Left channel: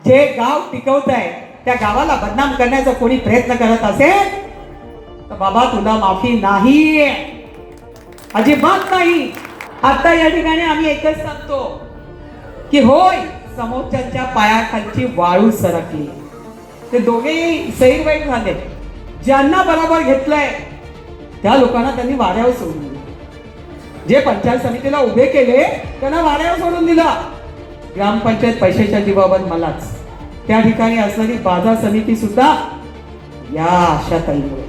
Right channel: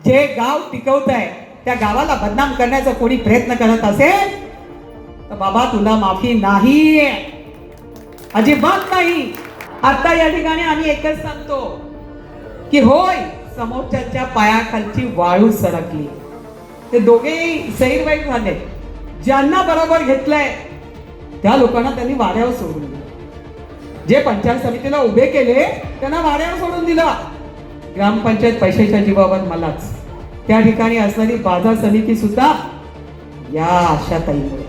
जे गाव टिकवत आहे त्या गावाला बदनाम करण्याचा कोणी प्रयत्न करत असेल तर बाबा तुला माफी नाही, अजिबात नाही. आता या ठिकाणी आम्ही एकच सांगतो की होय, समोरच्या पायाखालची वाळू सरकली. ते दोघेही सैरवाईट झाले. ज्यांना बरोबर घेतलंय त्या लोकांना त्यांनी वाऱ्यावर सोडून दिलं. जे पंचायत समितीला उभे केले त्यांना वाऱ्यावर सोडून दिलं. ग्रामपंचायत पैशाच्या जीवावर मलाच. त्या ठिकाणी असणारी बाजार समिती सुद्धा या आशाताईमुळे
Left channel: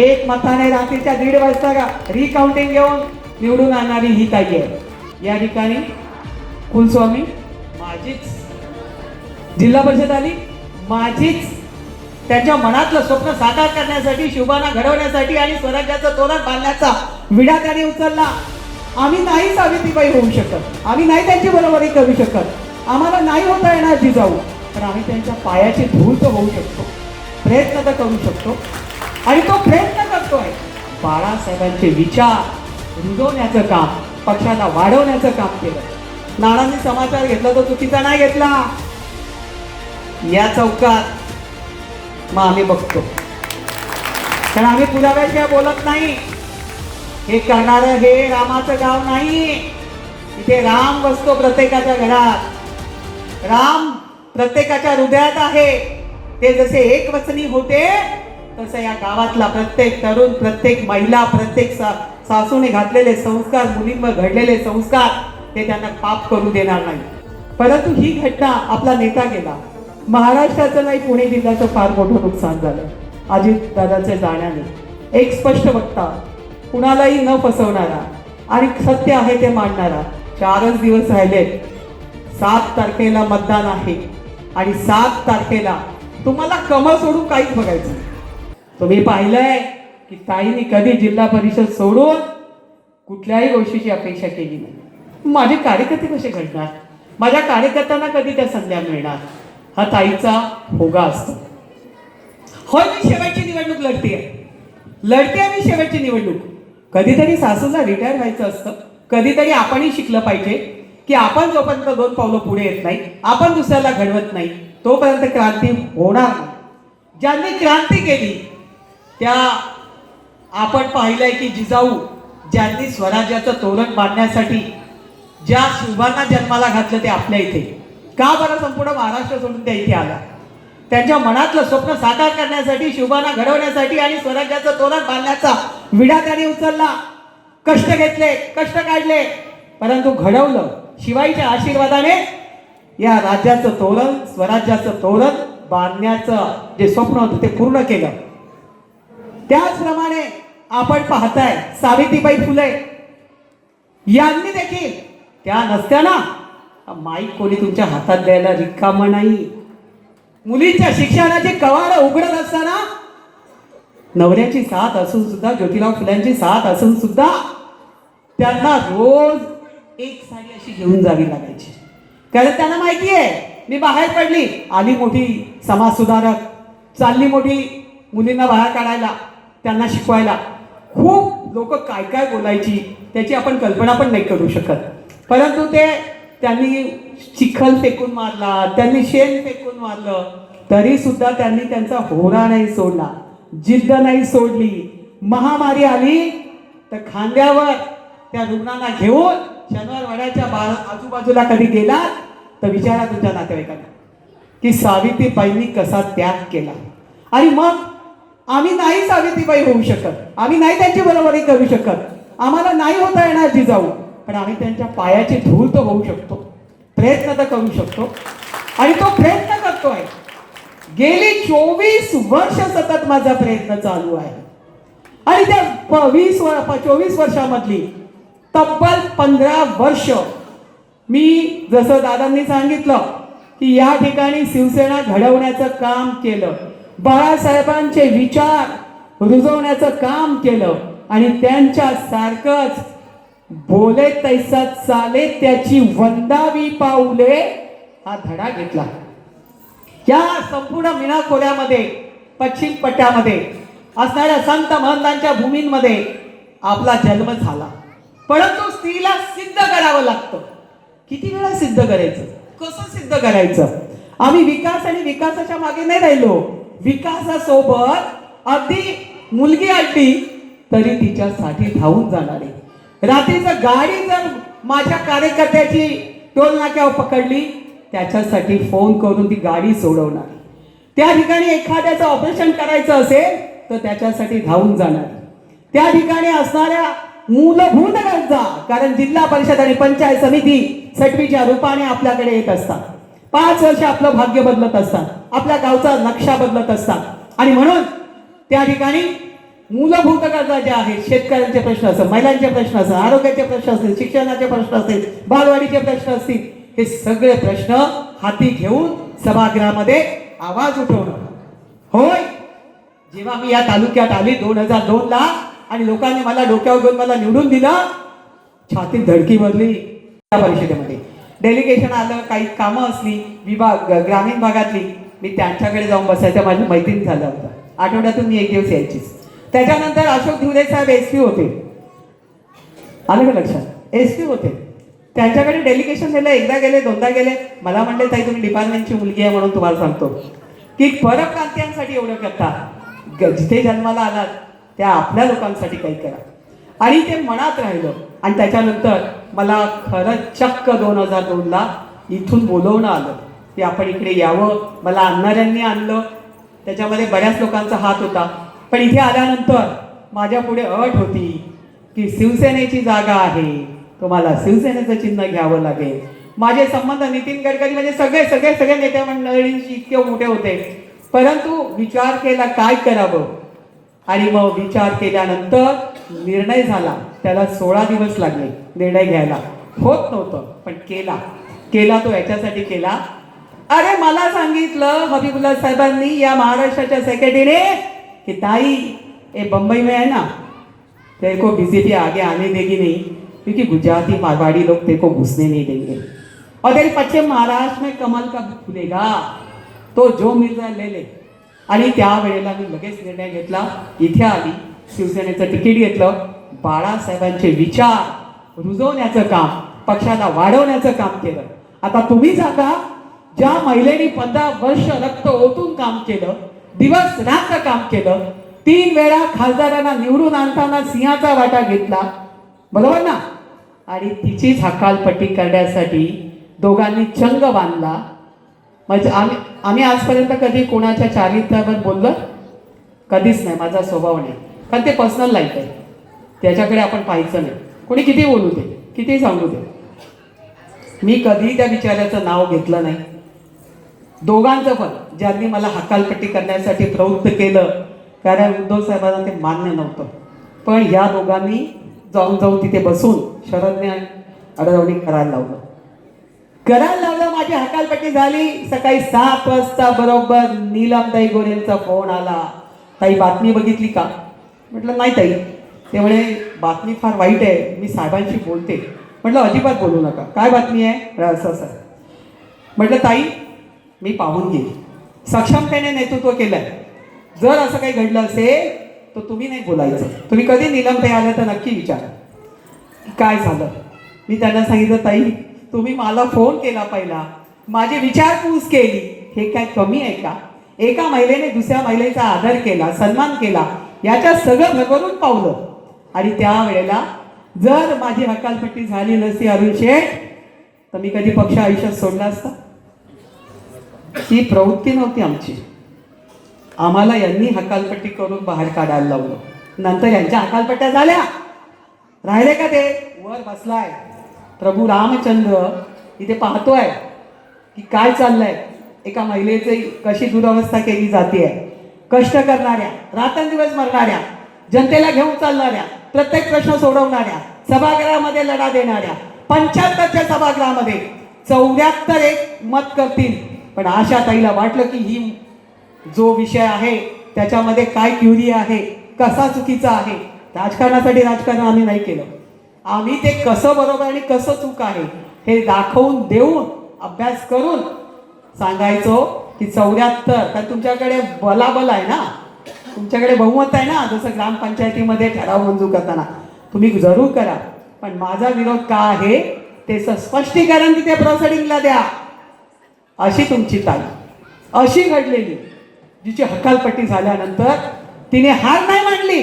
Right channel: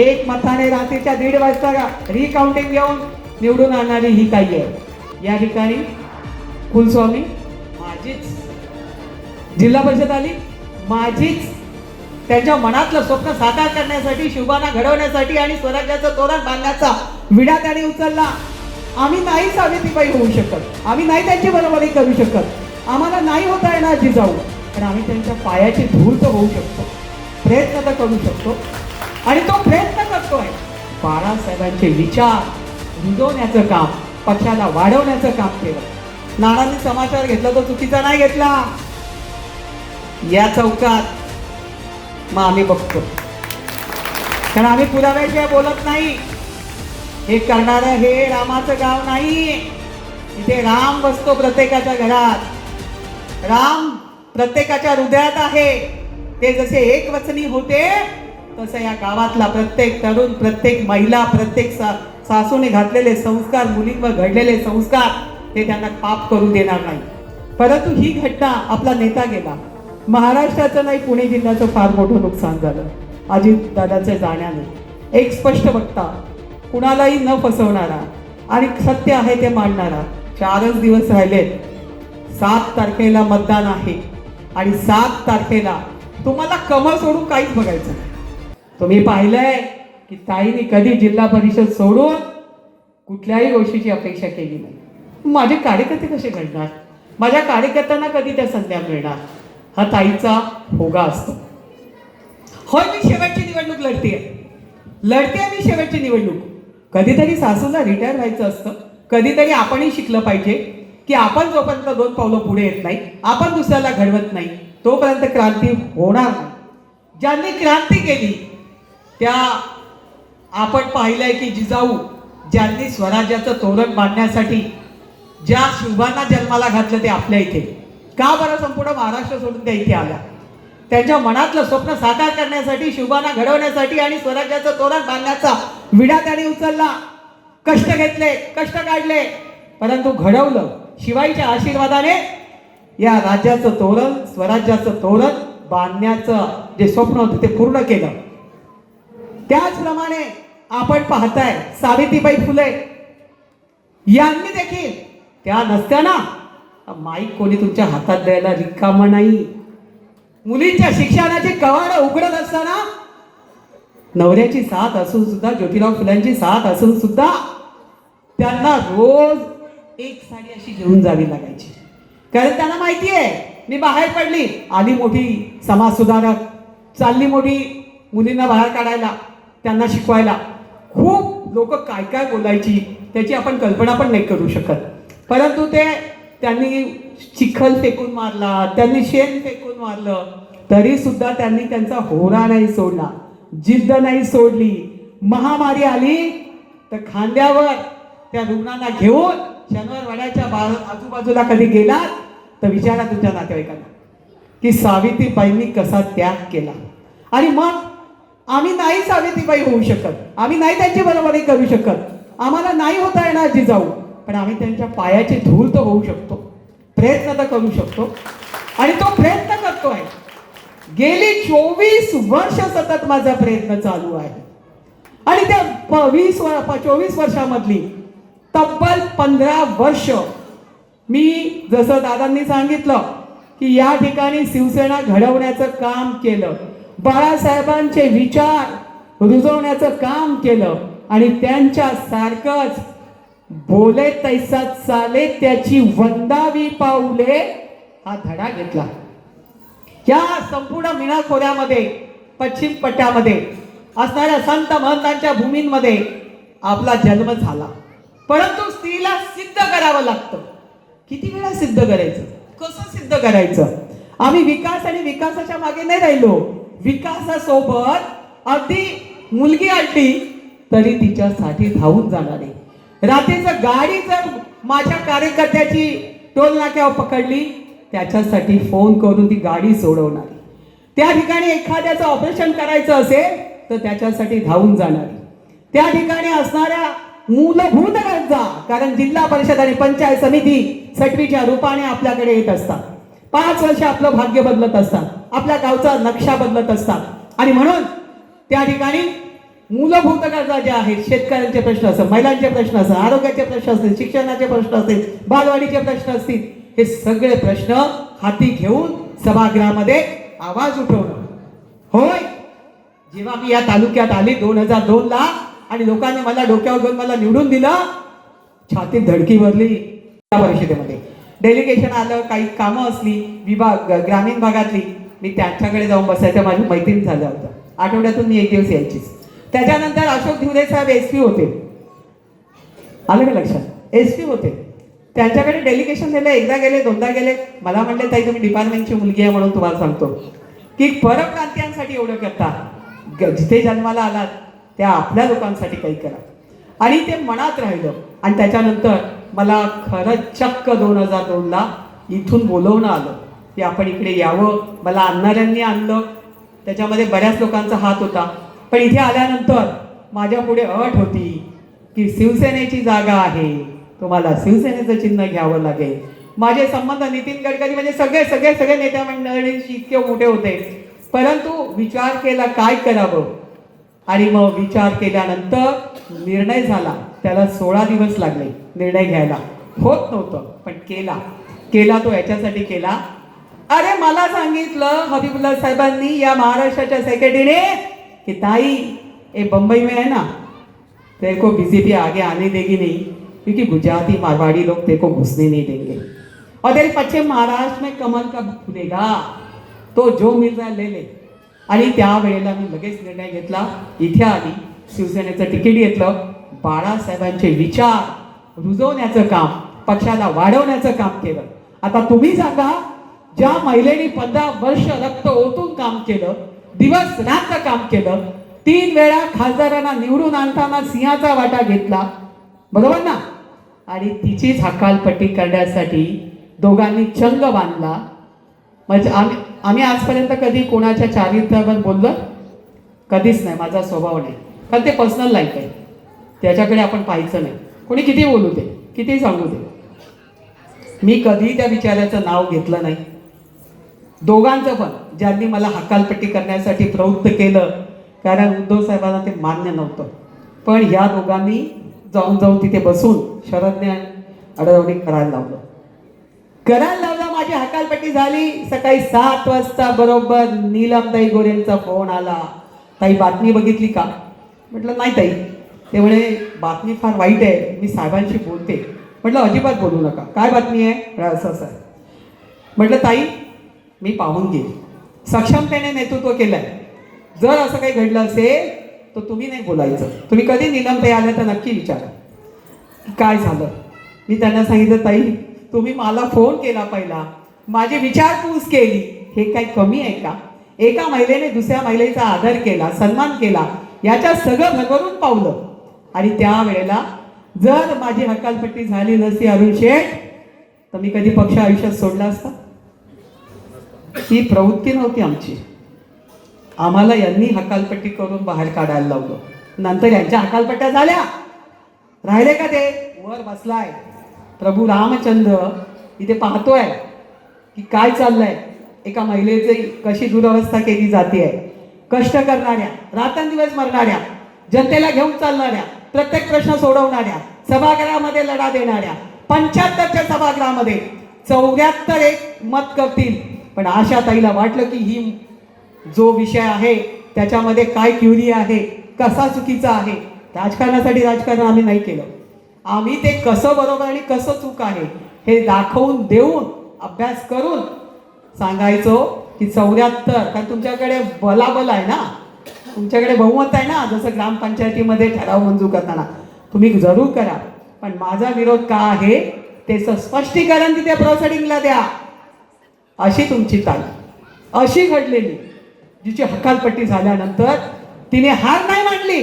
एक मताने रात्रीच्या 1:30 वाजता रिकाउंटिंग घेऊन निवडून आणणारी ही ताई आहे. या ठिकाणी कुलस्वामी माझीच, जिल्हा परिषद आली माझीच. त्यांच्या मनातलं स्वप्न साकार करण्यासाठी, शुभाना घडवण्यासाठी आणि स्वराज्याचं तोरण बांधण्याचा विडा त्यांनी उचलला. आम्ही नाही सावित्रीबाई होऊ शकत, आम्ही नाही त्यांची बरोबरी करू शकत, आम्हाला नाही होता येणार जिजाऊ, पण आम्ही त्यांच्या पायाची धूळ तर होऊ शकतो, प्रयत्न तर करू शकतो. आणि तो प्रयत्न करतोय. बाळासाहेबांचे विचार रुजवण्याचं काम, पक्षाला वाढवण्याचं काम केलं. नानांनी समाचार घेतला तो चुकीचा नाही घेतला. या चौकात मग आम्ही बघतो, कारण आम्ही पुराव्याशिवाय बोलत नाही. हे करणारं हे रामाचं गाव नाही. इथे राम बसतो प्रत्येकाच्या घरात, राम प्रत्येकाच्या हृदयात आहे. ते जसे एक वचनी होते तसं या गावातला प्रत्येक तरुण, प्रत्येक महिला, प्रत्येक सासूने घातलेले संस्कार, मुलींवर घडलेले संस्कार ते त्यांना पाप करू देणार नाही. परंतु ही घटना, आपला नेता गेला, महाराष्ट्राचं नाही पुणे जिल्ह्याचं फार मोठं नुकसान झालं अजित दादाच्या जाण्याने. एक स्पष्ट वक्ता, कुणालाही न फसवणारा आणि सत्य आहे ते मांडणारा. 4च दिवस राहिलेत. 7 तारखेला मतदान आहे आणि 7 तारखेला तुम्हाला कमळ सोडून काहीच बघायचं. तुम्ही पाहिलंय की ताईंनी कधी जिल्हा परिषद सोडून कुठल्याही गोष्टीची अपेक्षा केली नाही. माझे कार्यकर्ते कसे घडणार, माझ्या कार्यकर्त्यांना कधी त्या संध्या मिळणार, हा ताईचा होगा असतो. होय, मी शेवटची निवडणूक लढते आणि शेवटची निवडणूक. कधीतरी सासूला रिटायर व्हायचं असतं. कधीतरी आपणही शिकलं पाहिजे की आपण जोपर्यंत 2 पावलं पुढे येत नाही, आपण दुसऱ्याला घडवत नाही, तोपर्यंत क्रांती होणार नाही. ज्यांनी क्रांती केली त्या आपण पाहिलंय की जिजाऊ ज्यांनी स्वराज्याचं तोरण बांधण्यासाठी ज्या शुभांना जन्माला घातलं ते आपल्या इथे. का बरं संपूर्ण महाराष्ट्र सोडून त्या इथे आल्या? त्यांच्या मनातलं स्वप्न साकार करण्यासाठी, शुभांना घडवण्यासाठी आणि स्वराज्याचं तोरण बांधण्याचा विडा त्यांनी उचलला. कष्ट घेतले, कष्ट काढले, परंतु घडवलं. शिवाईच्या आशीर्वादाने या राज्याचं तोरण, स्वराज्याचं तोरण बांधण्याचं जे स्वप्न होतं ते पूर्ण केलं. त्याचप्रमाणे आपण पाहताय सावित्रीबाई फुले यांनी देखील, त्या नसत्याना माईक कोणी तुमच्या हातात द्यायला रिकामं नाही. मुलींच्या शिक्षणाची कवाडं उघडत असताना नवऱ्याची साथ असून सुद्धा, ज्योतिराव फुल्यांची साथ असून सुद्धा त्यांना रोज एक साडी अशी घेऊन जावी लागायची. कारण त्यांना माहिती आहे मी बाहेर पडली, आली मोठी समाज सुधारक, चालली मोठी मुलींना बाहेर काढायला, त्यांना शिकवायला. खूप लोक काय काय बोलायची त्याची आपण कल्पना पण नाही करू शकत. परंतु त्यांनी चिखल फेकून मारला, त्यांनी शेण फेकून मारलं, तरी सुद्धा त्यांनी त्यांचा होरा नाही सोडला, जिद्द नाही सोडली. महामारी आली तर खांद्यावर त्या रुग्णांना घेऊन शनिवारवाड्याच्या आजूबाजूला कधी गेला तर विचारा तुमच्या नातेवाईकांना की सावित्रीबाईंनी कसा त्याग केला. आणि मग आम्ही नाही सावित्रीबाई होऊ शकत, आम्ही नाही त्यांची बरोबरी करू शकत, आम्हाला नाही होता येणार जिजाऊ, पण आम्ही त्यांच्या पायाची धूळ तर होऊ शकतो, प्रयत्न तर करू शकतो. आणि तो प्रयत्न करतोय. गेली 24 वर्ष सतत माझा प्रयत्न चालू आहे. आणि त्या 24 वर्षामधली तब्बल 15 वर्ष मी, जसं दादांनी सांगितलं की या ठिकाणी शिवसेना घडवण्याचं काम केलं, बाळासाहेबांचे विचार रुजवण्याचं काम केलं आणि त्यांच्या सारखंच बोले तैसा चाले त्याची वंदावी पाऊले हा धडा घेतला. या संपूर्ण मीना खोऱ्यामध्ये, पश्चिम पट्ट्यामध्ये असणाऱ्या संत महंतांच्या भूमींमध्ये आपला जन्म झाला. परंतु स्त्रीला सिद्ध करावं लागतं. किती वेळा सिद्ध करायचं, कसं सिद्ध करायचं? आम्ही विकास आणि विकासाच्या मागे नाही राहिलो. विकासासोबत अगदी मुलगी आली तरी तिच्यासाठी धावून जाणारे. रात्रीचं गाडी जर माझ्या कार्यकर्त्याची टोल नाक्यावर पकडली त्याच्यासाठी फोन करून ती गाडी सोडवणारी. त्या ठिकाणी एखाद्याचं ऑपरेशन करायचं असेल तर त्याच्यासाठी धावून जाणारी. त्या ठिकाणी असणाऱ्या मूलभूत गरजा, कारण जिल्हा परिषद आणि पंचायत समिती सटवीच्या रूपाने आपल्याकडे येत असतात. 5 वर्ष आपलं भाग्य बदलत असतात, आपल्या गावचा नक्षा बदलत असतात आणि म्हणून त्या ठिकाणी मूलभूत गरजा ज्या आहेत, शेतकऱ्यांचे प्रश्न असतील, महिलांचे प्रश्न असतील, आरोग्याचे प्रश्न असतील, शिक्षणाचे प्रश्न असतील, बालवाडीचे प्रश्न असतील, हे सगळे प्रश्न हाती घेऊन सभागृहामध्ये आवाज उठवणं. होय, जेव्हा मी या तालुक्यात आली 2002 ला आणि लोकांनी मला डोक्यावर घेऊन मला निवडून दिलं, छातीत धडकी भरली. त्या परिषदेमध्ये डेलिगेशन आलं, काही कामं असली विभाग ग्रामीण भागातली, मी त्यांच्याकडे जाऊन बसायचं. माझी मैत्रीण झालं होतं. आठवड्यातून मी 1 दिवस यायचीच. त्याच्यानंतर अशोक धिवरे साहेब एसपी होते, आलं का लक्षात, एसपी होते. त्यांच्याकडे डेलिगेशन दिलं, एकदा गेले, दोनदा गेले. मला म्हणले ताई तुम्ही डिपार्टमेंटची मुलगी आहे म्हणून तुम्हाला सांगतो की परप्रांतीयांसाठी एवढं करता, जिथे जन्माला आलात त्या आपल्या लोकांसाठी काही करा. आणि ते मनात राहिलं. आणि त्याच्यानंतर मला खरंच चक्क 2002 ला इथून बोलवणं आलं की आपण इकडे यावं. मला आणणाऱ्यांनी आणलं, त्याच्यामध्ये बऱ्याच लोकांचा हात होता. पण इथे आल्यानंतर माझ्या पुढे अट होती की शिवसेनेची जागा आहे, तुम्हाला शिवसेनेचं चिन्ह घ्यावं लागेल. माझे संबंध नितीन गडकरी म्हणजे सगळे सगळे सगळे नेते मंडळींशी इतके मोठे होते. परंतु विचार केला काय करावं, आणि मग विचार केल्यानंतर निर्णय झाला. त्याला 16 दिवस लागले निर्णय घ्यायला. होत नव्हतं पण केला तो याच्यासाठी केला. अरे मला सांगितलं हबीबुल्ला साहेबांनी, या महाराष्ट्राच्या सेक्रेटरीने, कि ताई ये बंबई में है ना, तेरे को बीजेपी आगे आने देगी नहीं क्योंकि गुजराती मारवाड़ी लोग तेरे को घुसने नहीं देंगे और तेरे पश्चिम महाराष्ट्र में कमल कब खुलेगा, तो जो मिल रहा है ले ले. आणि त्यावेळेला मी लगेच निर्णय घेतला, इथे आली, शिवसेनेचं तिकीट घेतलं. बाळासाहेबांचे विचार रुजवण्याचं काम, पक्षाला वाढवण्याचं काम केलं. आता तुम्ही सांगा, ज्या महिलेने 15 वर्ष रक्त ओतून काम केलं, दिवस रात्र काम केलं, 3 वेळा खासदारांना निवडून आणताना सिंहाचा वाटा घेतला, बरोबर ना, आणि तिचीच हकालपट्टी करण्यासाठी दोघांनी चंग बांधला. म्हणजे आम्ही आजपर्यंत कधी कोणाच्या चारित्र्यावर बोललो कधीच नाही. माझा स्वभाव नाही, कारण ते पर्सनल लाईफ आहे, त्याच्याकडे आपण पाहायचं नाही. कोणी किती बोलू दे, किती सांगू दे, मी कधी त्या विचाराचं नाव घेतलं नाही. दोघांचं पण, ज्यांनी मला हकालपट्टी करण्यासाठी प्रवृत्त केलं, कारण उद्धव साहेबांना ते मान्य नव्हतं, पण या दोघांनी जाऊन तिथे बसून शरदने अडवणी करायला लावलं. माझी हकालपट्टी झाली. सकाळी 7 वाजता बरोबर नीलमताई गोरेंचा फोन आला, ताई बातमी बघितली का? म्हटलं नाही ताई. त्यामुळे बातमी फार वाईट आहे, मी साहेबांशी बोलते. म्हटलं अजिबात बोलू नका, काय बातमी आहे? असं. म्हटलं ताई मी पाहून घेईल, सक्षमतेने नेतृत्व केलंय, जर असं काही घडलं असेल तर तुम्ही नाही बोलायचं. तुम्ही कधी नीलमताई आले तर नक्की विचारा काय झालं. मी त्यांना सांगितलं ताई तुम्ही मला फोन केला, पहिला माझी विचारपूस केली, हे काय कमी आहे का? एका महिलेने दुसऱ्या महिलेचा आदर केला, सन्मान केला, याच्या सगळं भरभरून पावलं. आणि त्यावेळेला जर माझी हकालपट्टी झाली नसती अरुण शेठ, तर मी कधी पक्ष आयुष्यात सोडला असता? ही प्रवृत्ती नव्हती आमची. आम्हाला यांनी हकालपट्टी करून बाहेर काढायला लावलं. नंतर यांच्या हकालपट्ट्या झाल्या, राहिले का ते? वर बसलाय प्रभू रामचंद्र, इथे पाहतोय की काय चाललंय. एका महिलेची कशी दुरवस्था केली जाते, कष्ट करणाऱ्या, रात्रंदिवस मरणाऱ्या, जनतेला घेऊन चालणाऱ्या, प्रत्येक प्रश्न सोडवणाऱ्या, सभागृहामध्ये लढा देणाऱ्या, 75च्या सभागृहामध्ये 74 एक मत करतील. पण आशा ताईला वाटलं की ही जो विषय आहे त्याच्यामध्ये काय क्युरी आहे, कसा चुकीचा आहे. राजकारणासाठी राजकारण आम्ही नाही केलं. आम्ही ते कसं बरोबर आणि कसं चूक आहे हे दाखवून देऊन, अभ्यास करून सांगायचो की 74, कारण तुमच्याकडे बलाबल आहे ना, तुमच्याकडे बहुमत आहे ना. जसं ग्रामपंचायतीमध्ये ठराव मंजूर करताना तुम्ही जरूर करा, पण माझा विरोध का आहे ते स्पष्टीकरण तिथे प्रोसिडिंगला द्या. अशी तुमची ताई, अशी घडलेली, जिची हकालपट्टी झाल्यानंतर तिने हार नाही मानली,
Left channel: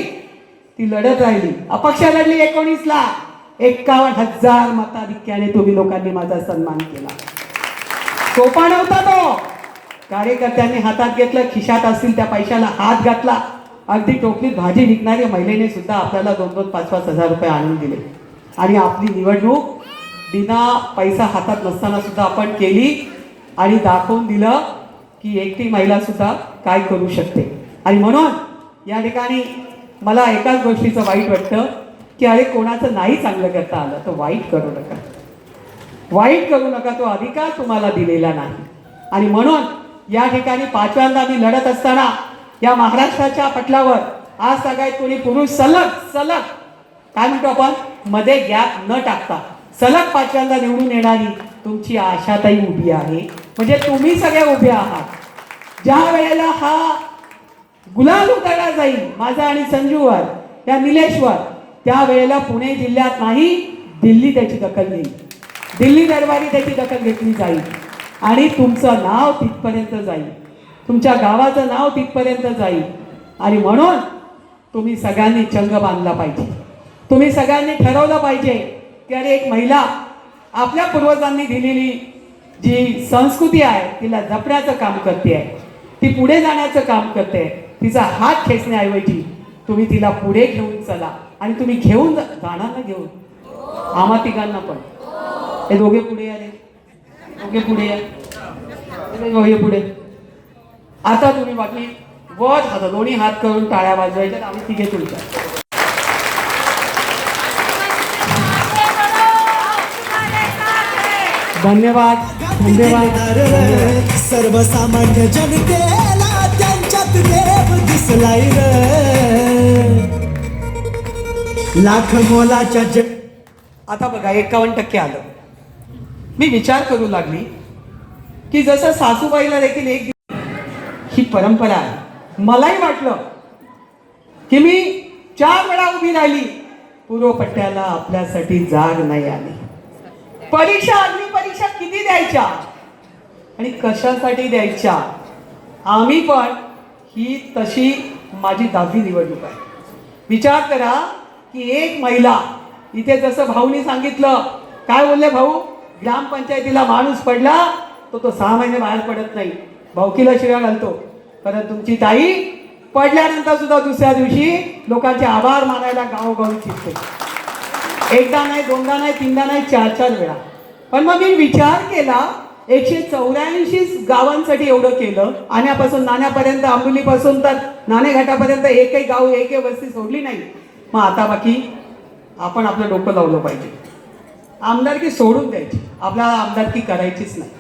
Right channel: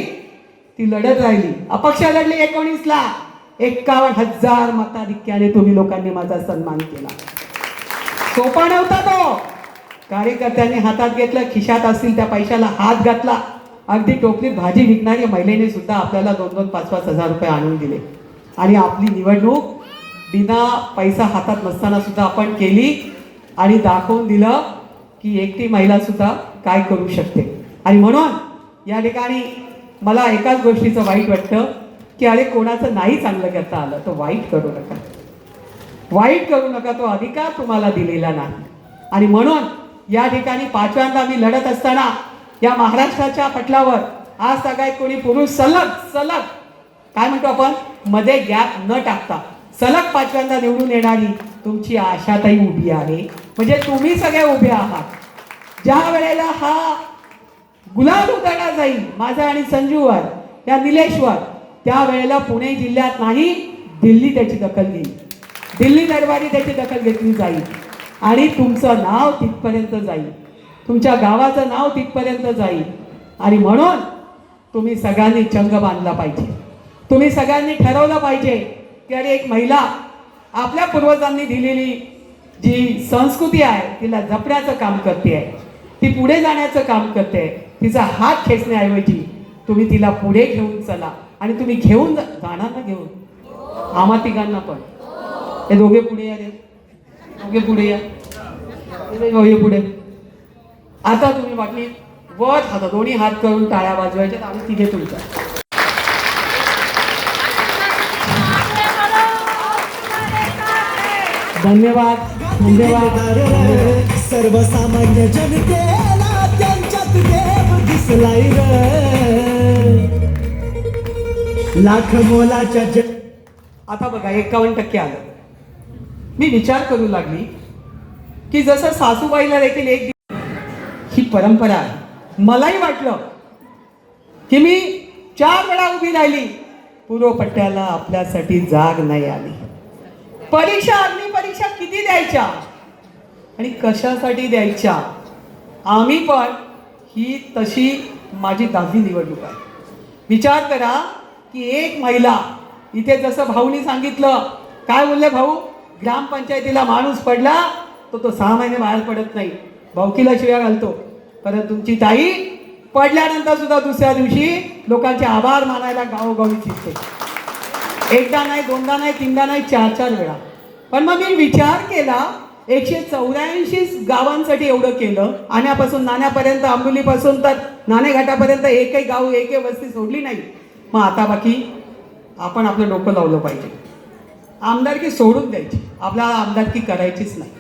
ती लढत राहिली, अपक्ष लढली. 19ला 51,000 मताधिक्याने तुम्ही लोकांनी माझा सन्मान केला. सोपा नव्हता तो. कार्यकर्त्यांनी हातात घेतलं, खिशात असतील त्या पैशाला हात घातला. अगदी टोपलीत भाजी विकणारी महिलेने सुद्धा आपल्याला 2-2, 5-5 हजार रुपये आणून दिले. आणि आपली निवडणूक बिना पैसा हातात नसताना सुद्धा आपण केली आणि दाखवून दिलं की एकटी महिला सुद्धा काय करू शकते. आणि म्हणून या ठिकाणी मला एकाच गोष्टीचं वाईट वाटतं की अरे कोणाचं नाही चांगलं करता आलं तर वाईट करू नका, वाईट करू नका. तो अधिकार तुम्हाला दिलेला नाही. आणि म्हणून या ठिकाणी 5व्यांदा मी लढत असताना या महाराष्ट्राच्या पटलावर आज सगळ्यात कोणी पुरुष सलग काय म्हणतो आपण, मध्ये गॅप न टाकता सलग 5व्यांदा निवडून येणारी तुमची आशाताई उभी आहे. म्हणजे तुम्ही सगळे उभे आहात. ज्या वेळेला हा गुलाल उधळला जाईल माझा आणि संजूवर, त्या निलेशवर, त्या वेळेला पुणे जिल्ह्यात नाही दिल्ली त्याची दखल घेईल, दिल्ली दरबारी त्याची दखल घेतली जाईल आणि तुमचं नाव तिथपर्यंत जाईल, तुमच्या गावाचं नाव तिथपर्यंत जाईल. आणि म्हणून तुम्ही सगळ्यांनी चंग बांधला पाहिजे. तुम्ही सगळ्यांनी ठरवलं पाहिजे की अरे एक महिला आपल्या पूर्वजांनी दिलेली जी संस्कृती आहे तिला जपण्याचं काम करते आहे, ती पुढे जाण्याचं काम करते. तिचा हात खेचण्याऐवजी तुम्ही तिला पुढे घेऊन चला. आणि तुम्ही घेऊन जाणार ना, घेऊन आम्हा तिघांना पण. हे दोघे पुढे या रे, दोघे पुढे या, दोघे पुढे. आता तुम्ही बाकी वर हात, दोन्ही हात करून टाळ्या वाजवायच्या. आम्ही तिघे तुमच्या. धन्यवाद, धन्यवाद. सर्वसामान्य जनतेला त्यांच्यात देव दिसलाय लाख मोलाच्या आता बघा 51% आलं. मी विचार करू लागली की जसं सासूबाईला देखील एक ही परंपरा आहे. मलाही वाटलं की मी 4 वेळा उभी राहिली, पूर्वपट्ट्याला आपल्यासाठी जाग नाही आली. परीक्षा, अग्निपरीक्षा किती द्यायच्या आणि कशासाठी द्यायच्या. आम्ही पण ही तशी माझी 10वी निवडणूक आहे. विचार करा की एक महिला इथे, जसं भाऊनी सांगितलं, काय बोलले भाऊ, ग्रामपंचायतीला माणूस पडला तर तो 6 महिने बाहेर पडत नाही, भाऊकीला शिव्या घालतो. परत तुमची ताई पडल्यानंतर सुद्धा दुसऱ्या दिवशी लोकांचे आभार मानायला गावोगावी फिरते. एकदा नाही, दोनदा नाही, तीनदा नाही, 4-4 वेळा. पण मग मी विचार केला, 184 गावांसाठी एवढं केलं, आण्यापासून नाण्यापर्यंत, आंबोलीपासून तर नाणेघाटापर्यंत एकही गाव, एकही वस्ती सोडली नाही. मग आता बाकी आपण आपलं डोकं लावलं पाहिजे. आमदारकी सोडून द्यायची, आपल्याला आमदारकी करायचीच नाही.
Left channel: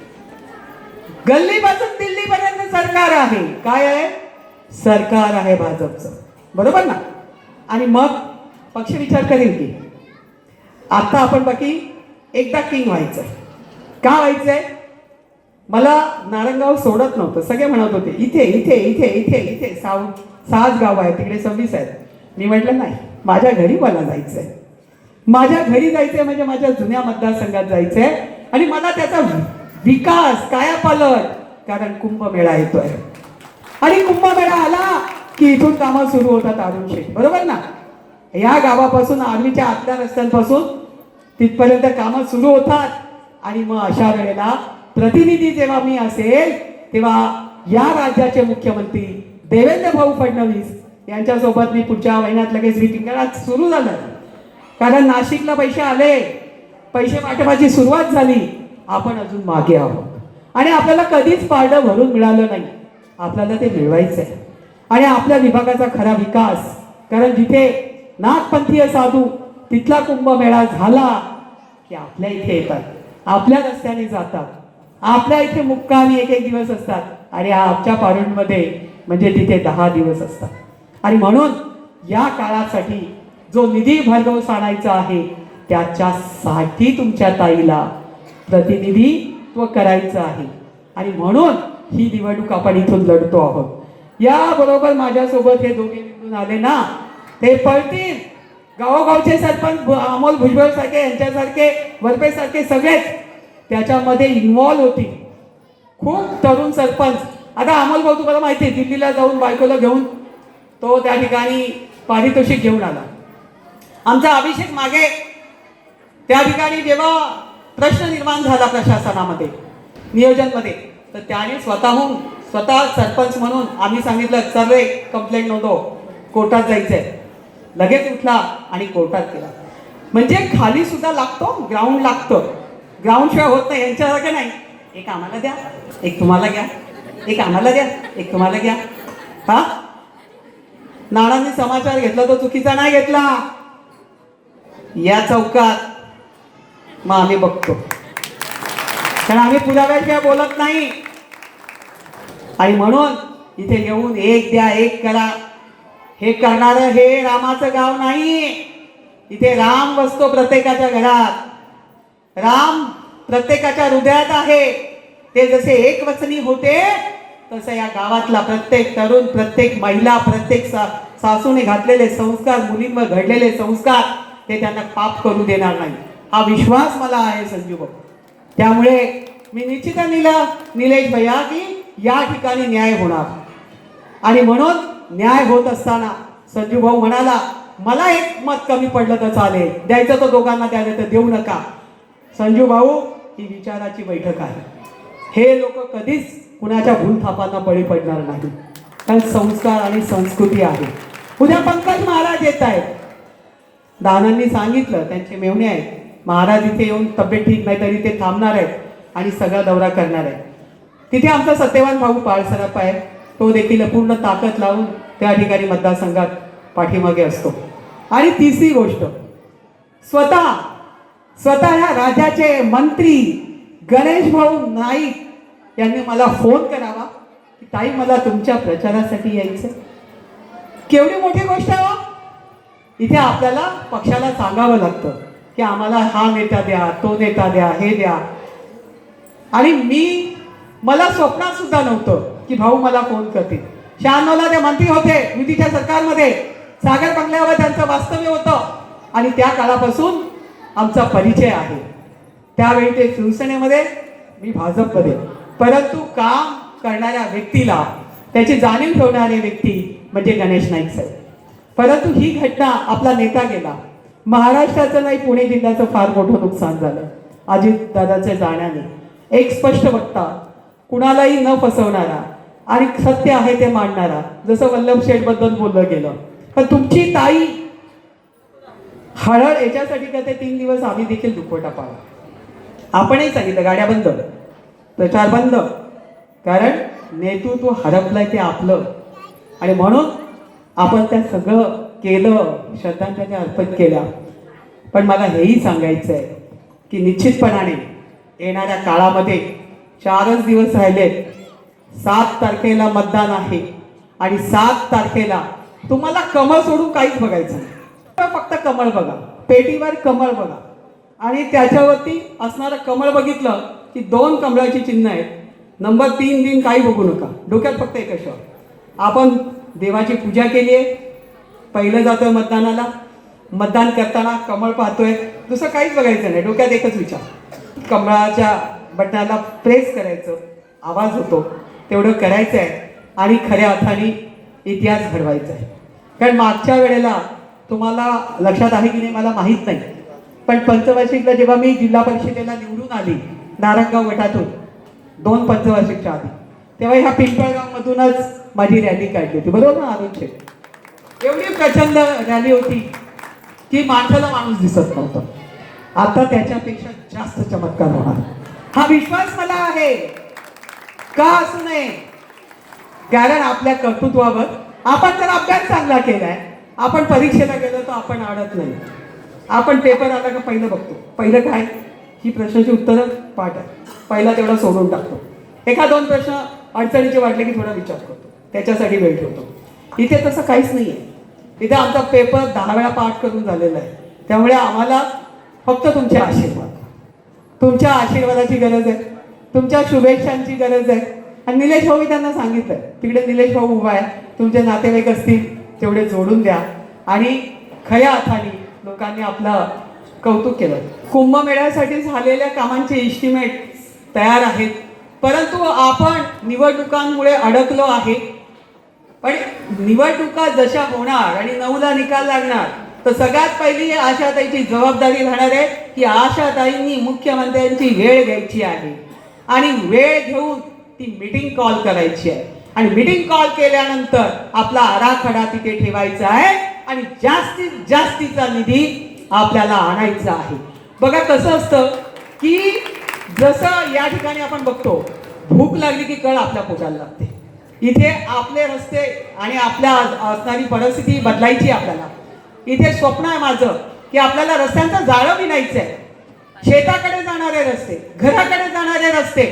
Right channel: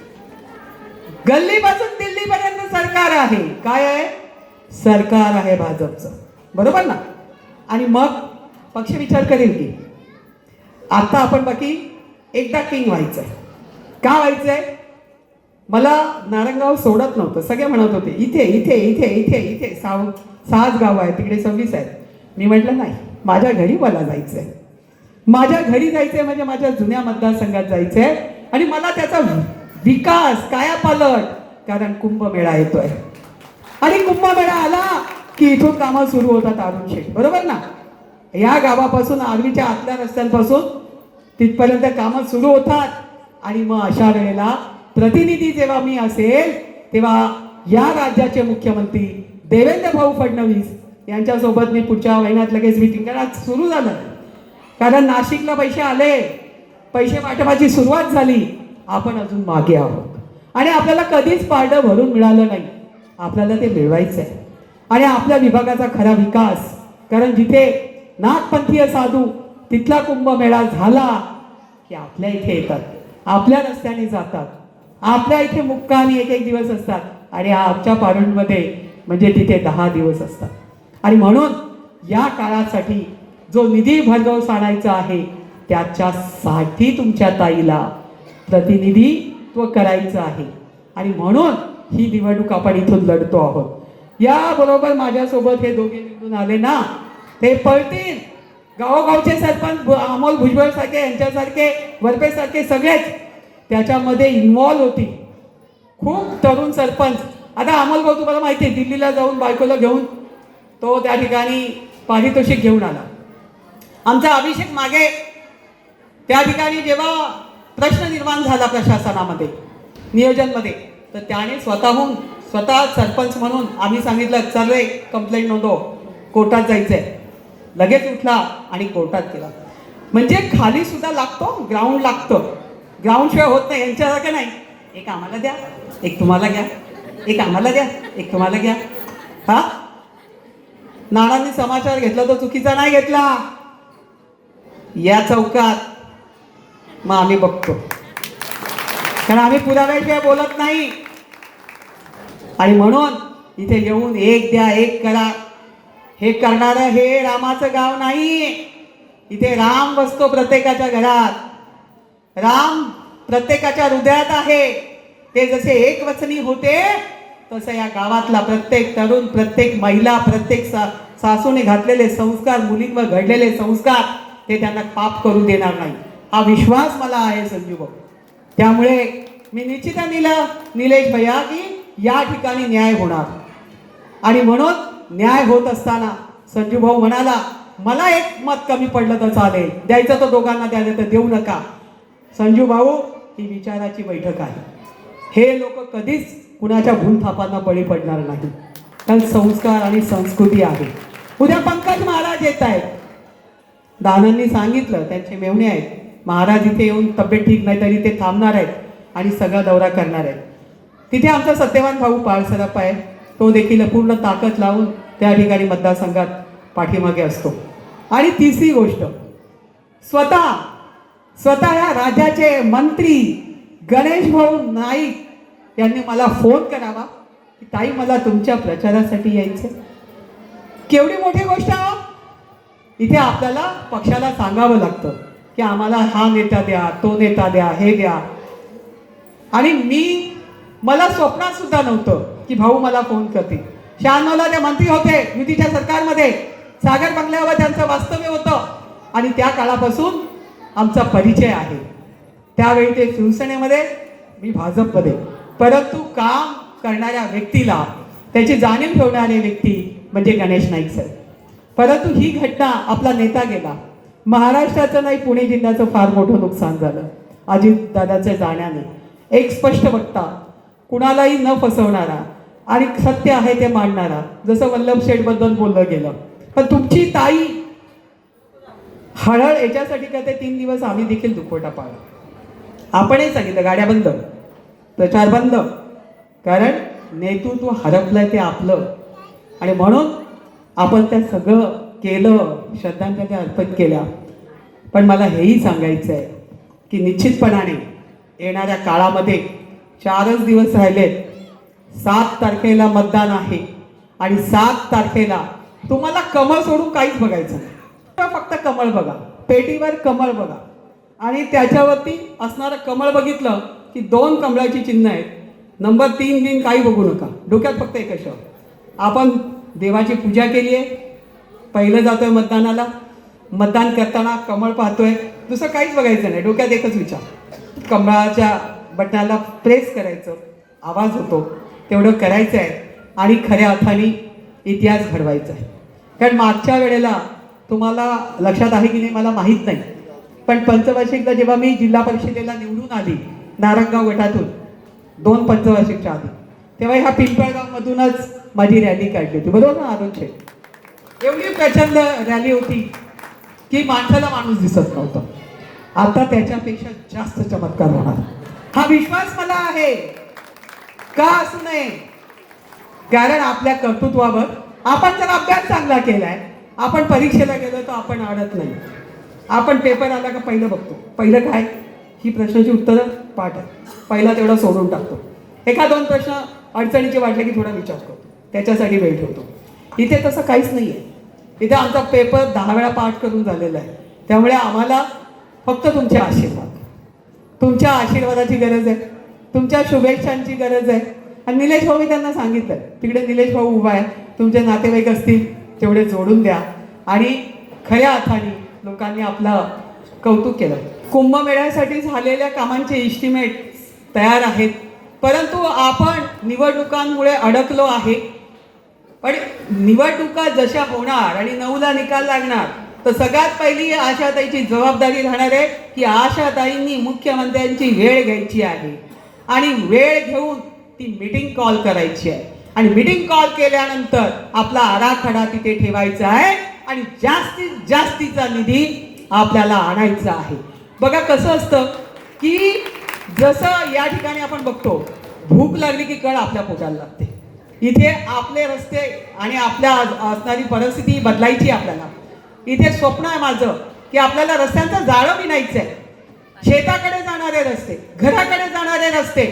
गल्लीपासून दिल्लीपर्यंत सरकार आहे. काय आहे? सरकार आहे भाजपचं, बरोबर ना. आणि मग पक्ष विचार करेल की आता आपण बाकी एकदा किंग व्हायचंय. का व्हायचंय? मला नारंगाव सोडत नव्हतं. सगळे म्हणत होते इथे इथे इथे इथे इथे 6 गाव आहेत, तिकडे 26 आहेत. मी म्हटलं नाही, माझ्या घरी मला जायचंय. माझ्या घरी जायचंय म्हणजे माझ्या जुन्या मतदारसंघात जायचंय आणि मला त्याचा विकास, कायापालट, कारण कुंभमेळा येतोय आणि कुंभमेळा आला की इथून कामं सुरू होतात. अरुण शेठ, बरोबर ना. या गावापासून, आर्वीच्या आतल्या रस्त्यांपासून तिथपर्यंत कामं सुरू होतात. आणि मग अशा वेळेला प्रतिनिधी जेव्हा मी असेल तेव्हा या राज्याचे मुख्यमंत्री देवेंद्र भाऊ फडणवीस यांच्यासोबत मी पुढच्या महिन्यात लगेच मीटिंग करा. सुरू झालं, कारण नाशिकला पैसे आले, पैसे वाटपाची सुरुवात झाली. आपण अजून मागे आहोत आणि आपल्याला कधीच पारडं भरून मिळालं नाही. आपल्याला ते मिळवायचं आहे. आणि आपल्या विभागाचा खरा विकास, कारण जिथे नाथपंथीय साधू तिथला कुंभमेळा झाला की आपल्या इथे येतात, आपल्या रस्त्याने जातात, आपल्या इथे मुक्कामी एक दिवस असतात आणि आमच्या पारुंडमध्ये म्हणजे तिथे 10 दिवस असतात. आणि म्हणून या काळासाठी जो निधी भरघोस आणायचा आहे त्याच्यासाठी तुमच्या ताईला प्रतिनिधित्व करायचं आहे. आणि म्हणून ही निवडणूक आपण इथून लढतो आहोत. याबरोबर माझ्यासोबत हे दोघे निवडून आले ना, ते पळतील. गावोगावचे सरपंच अमोल भुजबळ सारखे, यांच्यासारखे, वरपे सारखे सगळेच त्याच्यामध्ये इन्व्हॉल्व होतील. खूप तरुण सरपंच. आता अमोल भाऊ तुम्हाला माहिती आहे, दिल्लीला जाऊन बायकोला घेऊन तो त्या ठिकाणी पारितोषिक घेऊन आला. आमचा अभिषेक मागे त्या ठिकाणी जेव्हा प्रश्न निर्माण झाला प्रशासनामध्ये, नियोजनमध्ये, तर त्याने स्वतः सरपंच म्हणून आम्ही सांगितलं चल रे कंप्लेंट नोंदव, कोर्टात जायचंय, लगेच उठला आणि कोर्टात गेला. म्हणजे खाली सुद्धा लागतो, ग्राउंड लागतं. ग्राउंड शिवाय होत नाही. यांच्यासारखं नाही, एक आम्हाला द्या, एक तुम्हाला घ्या, एक आम्हाला द्या, एक तुम्हाला घ्या. हा, नानांनी समाचार घेतला तो चुकीचा नाही घेतला. या चौकात मग आम्ही बघतो, कारण आम्ही पुराव्याशिवाय बोलत नाही. आणि म्हणून इथे येऊन एक द्या एक करा हे करणारं हे रामाचं गाव नाही. इथे राम बसतो प्रत्येकाच्या घरात, राम प्रत्येकाच्या हृदयात आहे. ते जसे एक वचनी होते तसं या गावातला प्रत्येक तरुण, प्रत्येक महिला, प्रत्येक सासूने घातलेले संस्कार, मुलींवर घडलेले संस्कार ते त्यांना पाप करू देणार नाही, हा विश्वास मला आहे संजू भाऊ. त्यामुळे मी निश्चित निलेश भैया की या ठिकाणी न्याय होणार. आणि म्हणून न्याय होत असताना संजू भाऊ म्हणाला मला एक मत कमी पडलं तर चालेल, द्यायचं तर दोघांना द्यायचं तर देऊ नका. संजू भाऊ, ही विचाराची बैठक आहे. हे लोक कधीच कुणाच्या भूलथापांना बळी पडणार नाही, कारण संस्कार आणि संस्कृती आहे. उद्या पंकज महाराज येत आहेत, दानांनी सांगितलं त्यांचे मेहुणे आहेत, महाराज इथे येऊन तब्येत ठीक नाही तरी ते थांबणार आहेत आणि सगळा दौरा करणार आहेत. तिथे आमचा सत्यवान भाऊ पाळसराप आहे, तो देखील पूर्ण ताकद लावून त्या ठिकाणी मतदारसंघात पाठीमागे असतो. आणि तिसरी गोष्ट, स्वतः या राज्याचे मंत्री गणेश भाऊ नाईक यांनी मला फोन करावा की ताई मला तुमच्या प्रचारासाठी यायचं. केवढी मोठी गोष्ट आहे. इथे आपल्याला पक्षाला सांगावं लागतं की आम्हाला हा नेता द्या, तो नेता द्या, हे द्या. आणि मला स्वप्नात सुद्धा नव्हतं की भाऊ मला फोन करतील. 96ला ते मंत्री होते युतीच्या सरकारमध्ये, सागर बंगल्यावर त्यांचं वास्तव्य होतं आणि त्या काळापासून आमचा परिचय आहे. त्यावेळी ते शिवसेनेमध्ये, मी भाजपमध्ये. परंतु काम करणाऱ्या व्यक्तीला त्याची जाणीव ठेवणारे व्यक्ती म्हणजे गणेश नाईक साहेब. परंतु ही घटना, आपला नेता गेला, महाराष्ट्राचं नाही पुणे जिल्ह्याचं फार मोठं नुकसान झालं अजित दादाच्या जाण्याने. एक स्पष्ट वक्ता, कुणालाही न फसवणारा आणि सत्य आहे ते मांडणारा, जसं वल्लभ शेठ बद्दल बोललं गेलं. पण तुमची ताई हळद याच्यासाठी करते 3 दिवस आम्ही देखील दुखवटा पाहू. आपणही सांगितलं गाड्या बंद, प्रचार बंद, कारण नेतृत्व हरपलंय ते आपलं. आणि म्हणून आपण त्या सगळं केलं, श्रद्धांजली अर्पण केल्या. पण मला हेही सांगायचं आहे की निश्चितपणाने येणाऱ्या काळामध्ये 4च दिवस राहिलेत. 7 तारखेला मतदान आहे आणि 7 तारखेला तुम्हाला कमळ सोडून काहीच बघायचं नाही. फक्त कमळ बघा, पेटीवर कमळ बघा आणि त्याच्यावरती असणारं कमळ बघितलं की 2 कमळाची चिन्ह आहेत. नंबर 3 दिन काही बघू नका, डोक्यात फक्त एक शब्द, आपण देवाची पूजा केली आहे, पहिलं जातोय मतदानाला, मतदान करताना कमळ पाहतोय, दुसरं काहीच बघायचं नाही, डोक्यात एकच विचार, कमळाच्या बटनाला प्रेस करायचं, आवाज होतो तेवढं करायचं आहे आणि खऱ्या अर्थाने इतिहास घडवायचा आहे. कारण मागच्या वेळेला तुम्हाला लक्षात आहे की नाही मला माहीत नाही, पण पंचवार्षिकला जेव्हा मी जिल्हा परिषदेला निवडून आली नारायणगाव गटातून 2 पंचवार्षिकच्या आधी, तेव्हा ह्या पिंपळगाव मधूनच माझी रॅली काढली होती, बरोबर ना अरुण शेठ? एवढी प्रचंड रॅली होती की माणसाला माणूस दिसत नव्हतं. आता त्याच्यापेक्षा जास्त चमत्कार होणार हा विश्वास मला आहे. का असू नये? कारण आपल्या कर्तृत्वावर आपण जर अभ्यास चांगला केलाय, आपण परीक्षेला गेलो तर आपण अडत नाही. आपण पेपर आला का पहिलं बघतो, पहिलं काय, ही प्रश्नाची उत्तरं पाठ आहे, पहिला तेवढा सोडून टाकतो. 1-2 प्रश्न अडचणीचे वाटले की थोडा विचार करतो, त्याच्यासाठी वेळ ठेवतो. इथे तसं काहीच नाही आहे. इथे आमचा पेपर 10 वेळा पाठ करून झालेला आहे. त्यामुळे आम्हाला फक्त तुमचे आशीर्वाद, तुमच्या आशीर्वादाची गरज आहे, तुमच्या शुभेच्छांची गरज आहे. आणि निलेश भाऊ, मी त्यांना सांगितलं, तिकडे निलेश भाऊ उभा आहे, तुमचे नातेवाईक असतील तेवढे जोडून द्या. आणि खऱ्या अर्थाने लोकांनी आपलं कौतुक केलं. कुंभमेळ्यासाठी झालेल्या कामांचे एस्टिमेट तयार आहेत. परंतु आपण निवडणुकांमुळे अडकलो आहे. पण निवडणुका जशा होणार आणि 9ला निकाल लागणार तर सगळ्यात पहिली आशाताईची जबाबदारी राहणार आहे की आशाताईंनी मुख्यमंत्र्यांची वेळ घ्यायची आहे आणि वेळ घेऊन ती मीटिंग कॉल करायची आहे आणि मीटिंग कॉल केल्यानंतर आपला आराखडा तिथे ठेवायचा आहे आणि जास्तीत जास्तीचा निधी आपल्याला आणायचा आहे. बघा कसं असतं की जसं या ठिकाणी आपण बघतो भूक लागली की कळ आपल्या पोटाला लागते. इथे आपले रस्ते आणि आपल्या असणारी परिस्थिती बदलायची आपल्याला. इथे स्वप्न आहे माझं की आपल्याला रस्त्यांचं जाळं विणायचं आहे. शेताकडे जाणारे रस्ते, घराकडे जाणारे रस्ते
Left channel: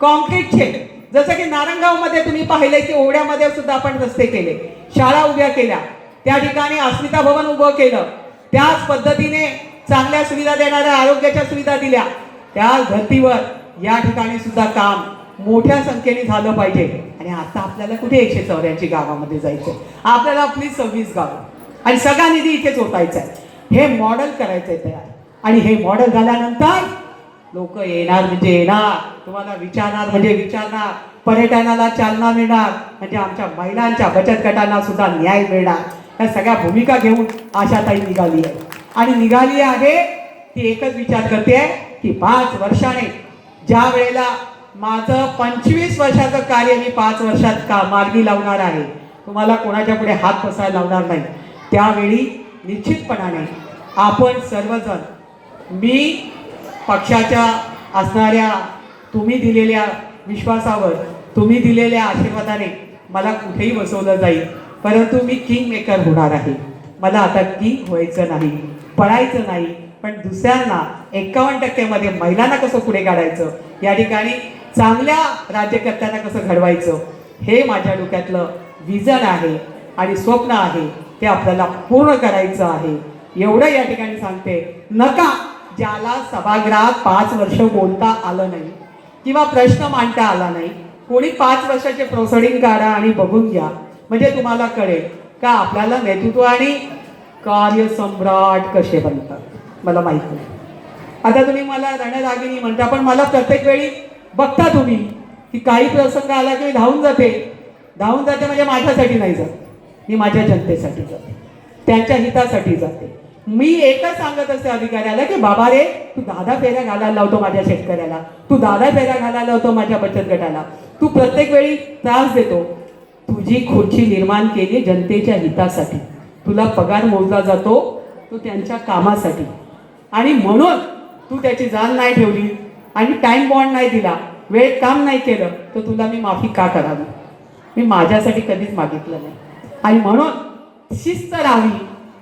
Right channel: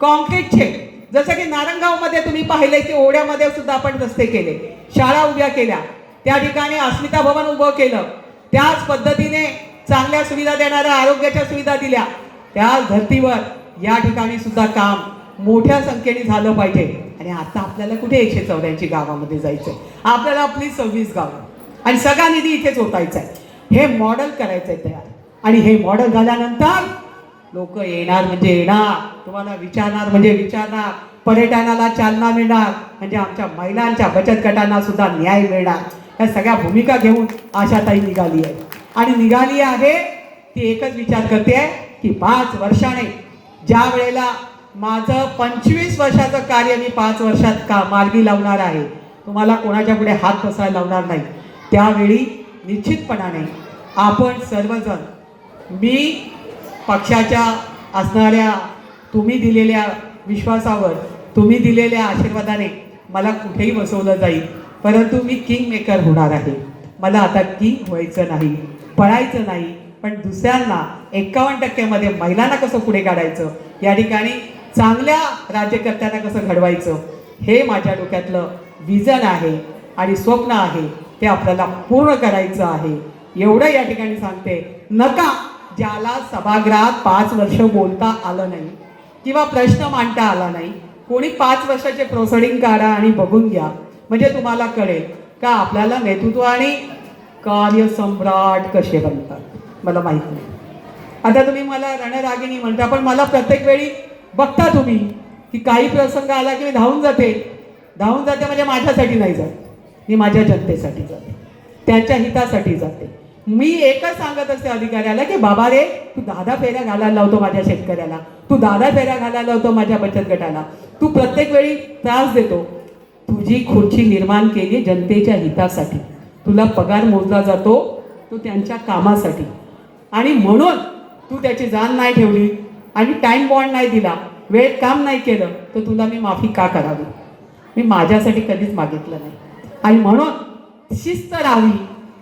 कॉन्क्रीटचे, जसं की नारंगावमध्ये तुम्ही पाहिले की ओढ्यामध्ये सुद्धा आपण रस्ते केले, शाळा उभ्या केल्या, त्या ठिकाणी अस्मिता भवन उभं केलं, त्याच पद्धतीने चांगल्या सुविधा देणाऱ्या आरोग्याच्या सुविधा दिल्या. त्या धर्तीवर या ठिकाणी सुद्धा काम मोठ्या संख्येने झालं पाहिजे. आणि आता आपल्याला कुठे 184 गावामध्ये जायचंय, आपल्याला आपली 26 गाव आणि सगळा निधी इथेच ओतायचा आहे. हे मॉडेल करायचंय तयार आणि हे मॉडेल झाल्यानंतर लोक येणार म्हणजे येणार, तुम्हाला विचारणार म्हणजे विचारणार, पर्यटनाला चालना मिळणार म्हणजे आमच्या महिलांच्या बचत गटांना सुद्धा न्याय मिळणार. या सगळ्या भूमिका घेऊन आशाताई निघाली आहे आणि निघाली आहे ती एकच विचार करते की 5 वर्षाने ज्या वेळेला माझं 25 वर्षाचं कार्य मी 5 वर्षात मार्गी लावणार आहे, तुम्हाला कोणाच्या पुढे हात बसायला लावणार नाही. त्यावेळी निश्चितपणाने आपण सर्वजण, मी पक्षाच्या असणाऱ्या तुम्ही दिलेल्या विश्वासावर, तुम्ही दिलेल्या आशीर्वादाने मला कुठेही बसवलं जाईल, परंतु मी किंग मेकर होणार आहे. मला आता किंग व्हायचं नाही, पळायचं नाही, पण दुसऱ्यांना 51% मध्ये महिलांना कसं पुढे काढायचं, या ठिकाणी चांगल्या राज्यकर्त्यांना कसं घडवायचं, हे माझ्या डोक्यातलं विजन आहे आणि स्वप्न आहे. ते आपल्याला पूर्ण करायचं आहे. एवढं या ठिकाणी सांगते. नका ज्याला सभागृहात 5 वर्ष बोलता आलं नाही किंवा प्रश्न मांडता आला नाही, कोणी 5 वर्षाचे प्रोसिडिंग काढा आणि बघून घ्या, म्हणजे तुम्हाला कळेल का आपल्याला नेतृत्व आणि कार्यसम्राट कसे बनतात. मला माहित नाही. आता तुम्ही मला रणरागिणी म्हणता, पण मला प्रत्येक वेळी बघता तुम्ही की काही प्रसंग आला की मी धावून जाते म्हणजे माझ्यासाठी नाही जात, मी माझ्या जनतेसाठी जाते, त्यांच्या हितासाठी जाते. मी एकच सांगत असते अधिकाऱ्याला की बाबा रे, तू 10 फेऱ्या घालायला लावतो माझ्या शेतकऱ्याला, तू 10 फेऱ्या घालायला लावतो माझ्या बचत गटाला, तू प्रत्येक वेळी त्रास देतो. तुझी खुर्ची निर्माण केली जनतेच्या हितासाठी, तुला पगार मोजला जातो तो त्यांच्या कामासाठी, आणि म्हणून तू त्याची जाण नाही ठेवली आणि टाइम बॉन्ड नाही दिला, वेळेत काम नाही केलं, तर तुला मी माफी का करावी. मी माझ्यासाठी कधीच मागितलं नाही. आणि म्हणून शिस्त राहावी,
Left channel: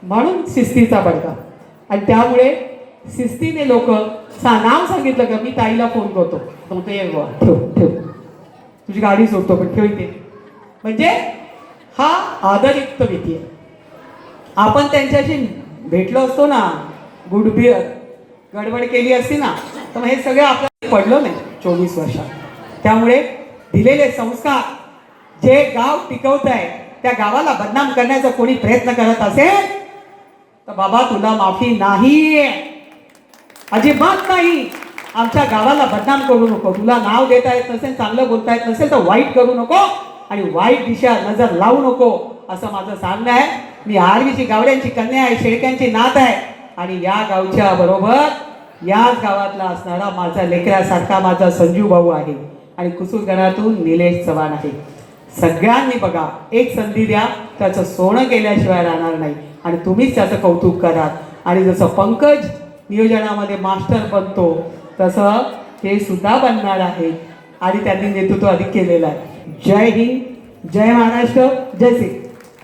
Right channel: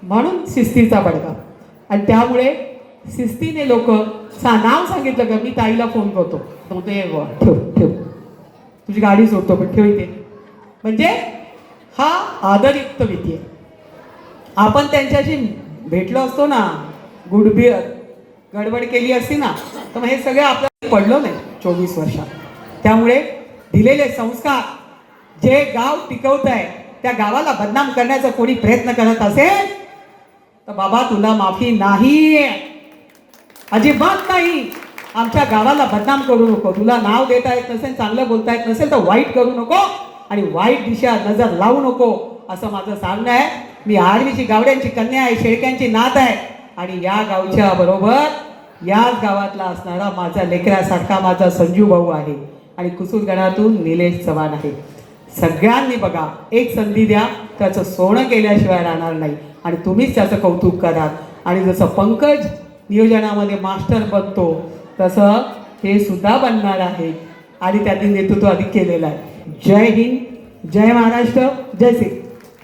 म्हणून शिस्तीचा बडगा. आणि त्यामुळे शिस्तीने लोक नाव सांगितलं का मी ताईला फोन करतो, ठेव ठेव तुझी गाडी सोडतो पण ठेव इथे, म्हणजे हा आदरयुक्त विधी आहे. आपण त्यांच्याशी भेटलो असतो ना, गुडबिअर गडबड केली असती ना, तर हे सगळं आपल्याला पडलं नाही 24 वर्षात. त्यामुळे दिलेले संस्कार जे गाव टिकवत आहे, त्या गावाला बदनाम करण्याचा कोणी प्रयत्न करत असेल तर बाबा तुला माफी नाही, अजिबात नाही. आमच्या गावाला बदनाम करू नको. तुला नाव देता येत नसेल, चांगलं बोलता येत नसेल तर वाईट करू नको आणि वाईट दिशा नजर लावू नको, असं माझं सांगणं आहे. मी आर्वीची गावड्यांची कन्या आहे, शेळक्यांची नात आहे आणि या गावच्या बरोबर याच गावातला असणारा माझा लेकरासारखा माझा संजू भाऊ आहे आणि कुसूरगणातून निलेश चव्हाण आहे. सगळ्यांनी बघा, एक संधी द्या, त्याचं सोनं केल्याशिवाय राहणार नाही आणि तुम्हीच त्याचं कौतुक करा. आणि जसं पंकज नियोजनामध्ये मास्टर बनतो तसं हे सुद्धा बनणार आहे आणि त्यांनी नेतृत्व अधिक केलेलं आहे. जय हिंद, जय महाराष्ट्र, जय श्री